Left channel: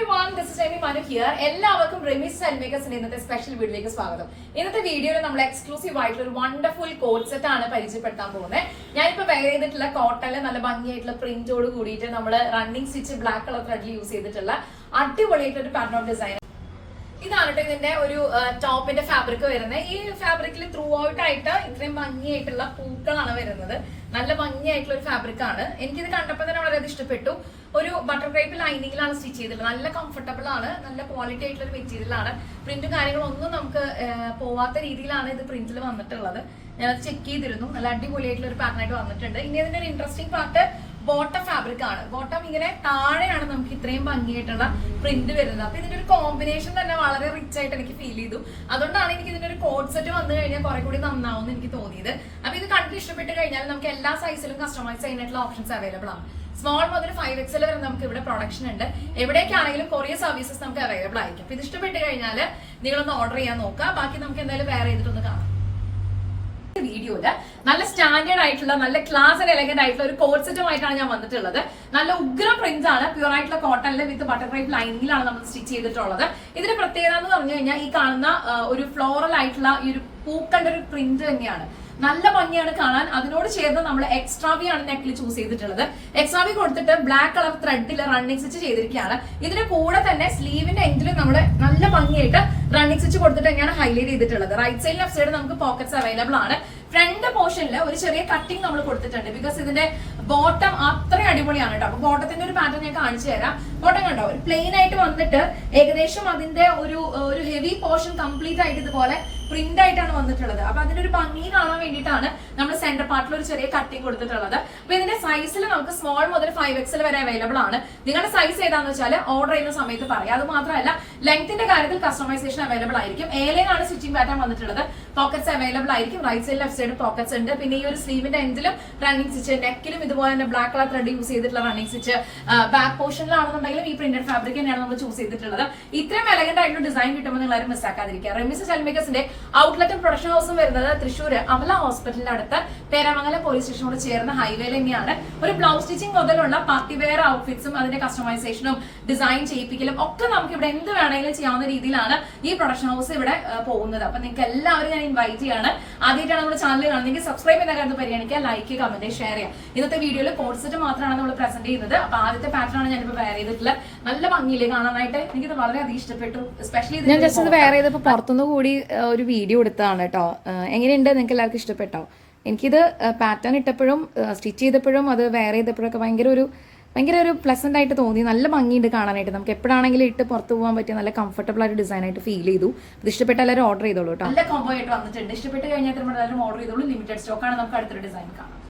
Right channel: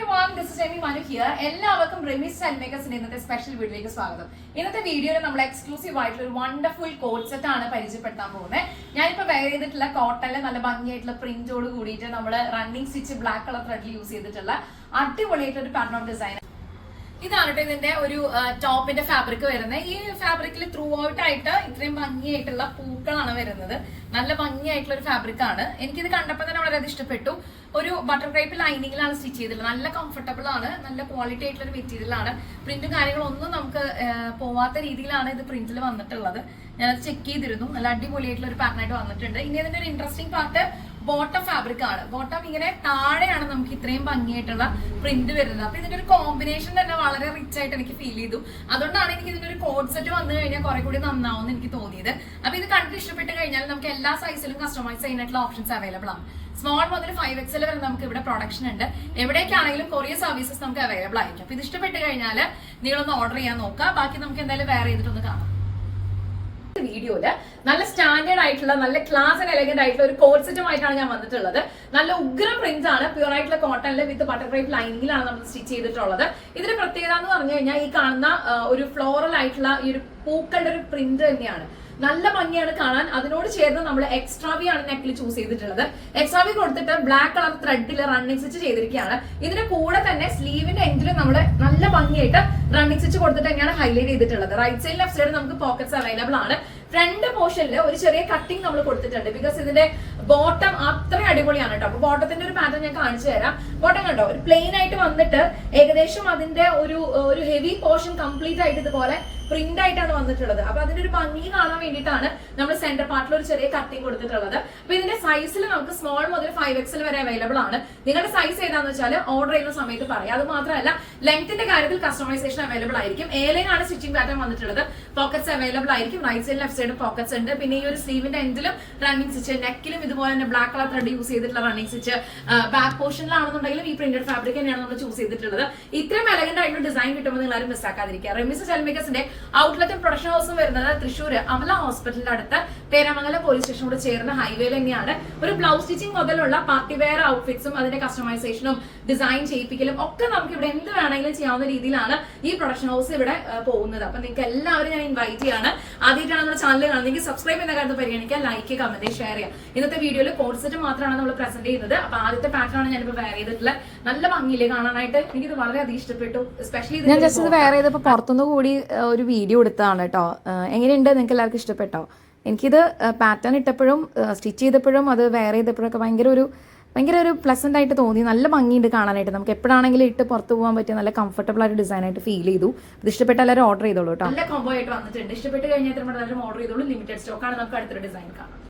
everyone, this is Amy Manu here. എല്ലാവർക്കും റെമിസ് സ്റ്റൈൽമേക്കേഴ്സിന്റെ ഇന്നത്തെ special വീഡിയോയിലേക്ക് സ്വാഗതം. ഇന്നത്തെ വീഡിയോയിൽ നമ്മൾ എക്സ്ക്ലൂസീവ് ആയിട്ടുള്ള ഒരു വണ്ടർഫുൾ കോട്ട് സെറ്റ് ആണ് പരിചയപ്പെടുത്താൻ പോകുന്നത്. ഞാനിപ്പോൾ വെയർ ചെയ്തിട്ടുള്ള കോട്ടണിലെ നല്ല ഭംഗിയായിട്ടുള്ള പ്രിന്റോട് കൂടിയിട്ട് നമ്മൾ റണ്ണിങ് സ്റ്റിച്ച് ബ്ലാക്ക് കളർ ത്രെഡിൽ യൂസ് ചെയ്തിട്ടുള്ള അടിപൊളിയായിട്ടുള്ള ഒരു പാറ്റേൺ ഓഫ് ഡിസൈൻ. ഇതാണ് ഇതിന്റെ ഒരു ടോപ്പിന്റെ ഫാബ്രിക് വരുന്നത്. ഈ ഫാബ്രിക്കിൽ ത്രൂ ഔട്ട് ആയിട്ട് ഇത്രയും ഭംഗിയായിട്ടുള്ള പൂക്കളാണ് വരുന്നത്. നല്ല ഭംഗിയായിട്ടുള്ള ഒരു ഫാബ്രിക് ആണ്. എനിക്കിത് കണ്ടപ്പോൾ തന്നെ വളരെ ഇഷ്ടപ്പെട്ടു. ഒരു ബട്ടർ ക്രേപ്പ് ലൈനിങ്ങിലാണ് സ്റ്റിച്ച് ചെയ്തിട്ടുള്ളത്. നല്ല കംഫർട്ടബിൾ ആണ്, നല്ല ക്വാളിറ്റി ആയിട്ടുള്ള ഒരു മെറ്റീരിയൽ ആണ്. പ്രിന്റും കാര്യങ്ങളൊന്നും നമുക്ക് പോവാത്ത രീതിയിലാണ് ഇത് പ്രിന്റിൽ വന്നിട്ടുള്ളത്. ഞാനത് ചെക്ക് ചെയ്തിരുന്നു. നല്ല അടിപൊളിയായിട്ടുള്ള ഒരു പാറ്റേൺ ആയിട്ട് വന്നിട്ടുണ്ട്. ഇനി ഇതിന്റെ ഒരു ഇൻട്രസ്റ്റിംഗ് പാർട്ട് ബോട്ടം ഫാബ്രിക് ആണ്. ബോട്ടം ഇങ്ങനെ താഴെയാണ് നമുക്ക് ഇത്രയും ഭംഗിയായിട്ടുള്ള പ്രിന്റ് വരുന്നത്. അപ്പൊ ഇതിന്റെ ഒരു കോമ്പിനേഷൻ തന്നെ വളരെ റിച്ച് ആയിട്ട് എനിക്ക് ഫീൽ ചെയ്തു. അതുകൊണ്ടാണ് എനിക്ക് ഇതിന്റെ ഒരു കോഡ് സെറ്റ് വന്നു കഴിഞ്ഞാൽ കുറെ കൂടി നന്നാവും എന്ന് എനിക്ക് തോന്നിയത്. അപ്പൊ ഇത് കണ്ടിട്ട് ഇഷ്ടപ്പെട്ട് കഴിഞ്ഞാൽ നമുക്ക് എല്ലാ സൈസിലും കസ്റ്റമൈസ് ചെയ്യാനായിട്ടുള്ള ഓപ്ഷൻസ് അവൈലബിൾ ആണ്. സ്മോൾ മുതൽ 5XL വരെ നമുക്ക് ഇവിടെ പ്രൊഡക്ഷൻ ഉണ്ട്. എവിടേക്കാണെങ്കിലും കൊറിയർ സർവീസസ് നമുക്ക് അവൈലബിൾ ആയിരിക്കും. അപ്പൊ ഇത് ഇഷ്ടപ്പെട്ട് കഴിഞ്ഞാൽ നിങ്ങളൊന്ന് ഓർഡർ ചെയ്യാൻ നോക്കുക. ബാക്കി നമുക്ക് എന്തായാലും വേറെ ചെയ്തിട്ടൊന്ന് കാണാം. വീഡിയോയില് നല്ല സ്റ്റാൻഡേർഡ് ആയിട്ടുള്ള നല്ല ക്ലാസ് ആൻഡ് എലഗന്റ് ആയിട്ടുള്ള ഒരു കോട്ട് സെറ്റുമായിട്ടാണ് ഞാൻ വന്നിട്ടുള്ളത്. നല്ല ഉഗ്ര പ്രിന്റ് ആണ്, പ്യൂർ ആയിട്ടുള്ള കോട്ടണില് വിത്ത് ബട്ടർ ക്രേപ്പ് ലൈനിങ്ങിലാണ് നമ്മൾ സ്റ്റിച്ച് ചെയ്തിട്ടുള്ളത്. ഇതിന്റെ പ്രത്യേകത എന്ന് പറഞ്ഞു കഴിഞ്ഞാൽ ഈ കാണുന്ന ഒരു ഫ്ലോറൽ ആയിട്ടുള്ള ഈ ഒരു പൂക്കണ്ട ഒരു പ്രിന്റ് തന്നെയാണ്. നല്ല ഭംഗിയാണ് കാണാൻ. അതിനോട് ചേർന്ന് നമ്മൾ എക്സ്ട്രാവി ആണ് നെക്കിൽ ചൂസ് ചെയ്തിട്ടുള്ളത്. എക്സ്ട്രാവി കൊടുത്തിട്ട് ബ്ലാക്ക് കളർ ത്രെഡിൽ റണ്ണിങ് സ്റ്റിച്ച് ചെയ്തിരിക്കുകയാണ്. ഇതിന്റെ കൂടെ തന്നെ സ്ലീവിന്റെ എൻഡിലും നമ്മുടെ നല്ല ഭംഗിയായിട്ട് റണ്ണിങ് സ്റ്റിച്ച് കൊടുത്തിട്ട് തന്നെയാണ് ഹൈലൈറ്റ് ചെയ്തിട്ടുള്ളത്. റൈറ്റ് സൈഡ് ലെഫ്റ്റ് സൈഡ് നമുക്ക് പോക്കറ്റ്സ് അവൈലബിൾ ആണ്. ഫ്രണ്ട് പോർഷനിൽ ഒരു ചെറിയ കട്ടിങ് നമ്മൾ കൊടുത്തിട്ടുണ്ട്. ബിക്കോസ് ഇതിന്റെ ബോട്ടം അത്രയും അടിപൊളിയാണ് കേട്ടോ. അപ്പൊ ബോട്ടത്തിന്റെ ഒരു പാറ്റേൺ ഞാൻ കാണിച്ചു തരാം. ബോട്ടം കണ്ടോ, ഒരു പ്ലെയിൻ ആയിട്ട് വന്നിട്ട് ഏകദേശം അതിന്റെ ഒരു ഹെവി പോർഷൻ കംപ്ലീറ്റ് ആയിട്ട് ഇതുപോലെ പ്രിന്റ് ആയിട്ടാണ് വന്നിട്ടുള്ളത്. അപ്പൊ അതിന്റെ ഒരു ഭംഗി കാണാൻ വേണ്ടിയിട്ടാണ് നമ്മൾ സെന്റർ പാർട്ടിൽ ഒരു ചെറിയ കട്ടിങ് കൊടുത്തിട്ടുള്ളത്. അപ്പൊ ഇതിന്റെ സൈസിൽ നമുക്ക് സ്മോൾ മുതൽ 5XL വരെ അവൈലബിൾ ആണ്. നിങ്ങളുടെ സൈസ് ഏതാന്ന് വെച്ചാൽ ഓർഡർ ചെയ്യുന്ന സമയത്ത് പറയാം. അത് മാത്രമല്ല ലെങ്ത്തിന്റെ കാര്യത്തിൽ കസ്റ്റമൈസേഷൻ അവൈലബിൾ ആയിരിക്കും. ഏലയിലാണ് സ്റ്റിച്ചിങ് പാറ്റേൺ വന്നിട്ടുള്ളത്. പോക്കറ്റ്സ് അവൈലബിൾ ആയിരിക്കും. Right side left side pockets ഉണ്ട്. പിന്നെ ഈ ഒരു സ്ലീവിന്റെ എൻഡിലും റണ്ണിങ് സ്റ്റിച്ച്, നെക്കിലും ഇതുപോലെ തന്നെ ബ്ലാക്ക് കളർ ത്രെഡ് യൂസ് ചെയ്തിട്ടുള്ള റണ്ണിങ് സ്റ്റിച്ച്. ബാക്ക് പോർഷനിലാണെന്നുണ്ടെങ്കിലും ഈ പ്രിന്റഡ് ഫാബ്രിക് തന്നെയാണ് നമ്മൾ ചൂസ് ചെയ്തിട്ടുള്ളത്. ഇത്രയും എലഗന്റ് ആയിട്ടുള്ള ഡിസൈൻ കിട്ടുമ്പോൾ നിങ്ങൾ ആരും മിസ്സാക്കാതിരിക്കുക. റെമിസ് സ്റ്റൈൽമേക്കേഴ്സിന്റെ ഔട്ട്ലെറ്റും പ്രൊഡക്ഷൻ ഹൗസും വരുന്നത് തൃശ്ശൂർ അമല ഹോസ്പിറ്റലിന്റെ അടുത്ത് പേരാമംഗലം പോലീസ് സ്റ്റേഷനോട് ചേർന്ന ഹൈവേയിൽ തന്നെയാണ്. ഒരു ബ്ലൗസ് സ്റ്റിച്ചിങ് മുതലുള്ള പാർട്ടി വെയർ ഔട്ട്ഫിറ്റ്സും അതിന്റെ കസ്റ്റമൈസേഷനും ഡിസൈൻ ചെയ്യിപ്പിക്കലും ഒക്കെ നമുക്ക് ഇവിടെ എന്ത് വേണമെങ്കിലും ചെയ്യാവുന്ന രീതിയിലാണ് ഈ പ്രൊഡക്ഷൻ ഹൗസ് ഇവിടെ പോകുന്നത്. അപ്പൊ നിങ്ങൾക്ക് എല്ലാവരും ഞാൻ ഇൻവൈറ്റ് ചെയ്യാണ്. ആദ്യമായിട്ടാണ് നമ്മുടെ ചാനൽ കാണുന്നെങ്കിൽ സബ്സ്ക്രൈബ് ചെയ്യുന്ന കാര്യത്തിൽ പരിഗണിക്കുക, ലൈക്ക്, കമന്റ്, ഷെയർ ചെയ്യാം. ഇന്നത്തെ വീഡിയോയിൽ കോഡ് സെറ്റ് മാത്രമാണ് നമ്മൾ പ്രസന്റ് ചെയ്യുന്നത്. അപ്പൊ ആദ്യത്തെ പാറ്റേൺ ആണ് ഞാനിപ്പോൾ വെയർ ചെയ്തിട്ടുള്ള. നല്ല ഭംഗിയില്ലേ കാണാനായിട്ട്. എനിക്കിത് വളരെയധികം ഇഷ്ടപ്പെട്ടു. എസ്പെഷ്യലി ഞാൻ ജസ്റ്റ് ഇത് വെയർ ചെയ്തപ്പോൾ പുറത്തുനിന്ന് കൂടി ഒരു വീഡിയോ എടുത്തതാണ് കേട്ടോ. എങ്ങനെയുണ്ട്, നിങ്ങൾക്ക് എല്ലാവർക്കും ഇഷ്ടപ്പെട്ടോ? എനിക്കിത് പാറ്റേൺ ഇട്ടപ്പോഴും സ്റ്റിച്ച് ചെയ്തപ്പോഴും അത് വെയർ ചെയ്തപ്പോഴൊക്കെ ഭയങ്കര ഒരു പ്ലസന്റ് ആയിട്ട് തോന്നി. നല്ല ഭംഗിയുണ്ട് കാണാനായിട്ട്. നമുക്ക് എപ്പോഴാണെങ്കിലും ഇട്ട് പുറത്ത് പോകാൻ പറ്റിയ നല്ല കംഫർട്ടബിൾ ആയിട്ട് ഡിസൈൻ ആയിട്ട് ഫീൽ ചെയ്തു. ഇത് ഇഷ്ടപ്പെട്ട എല്ലാവരും ഓർഡർ ചെയ്തോളൂ കേട്ടോ. നല്ല കോംബോ ആയിട്ട് വന്നിട്ടുണ്ട്. ഇഷ്ടപ്പെട്ട് കഴിഞ്ഞാൽ എല്ലാവരും ഓർഡർ ചെയ്തോളൂ. ലിമിറ്റഡ് സ്റ്റോക്കാണ്. നമുക്ക് അടുത്തൊരു ഡിസൈൻ കാണാം.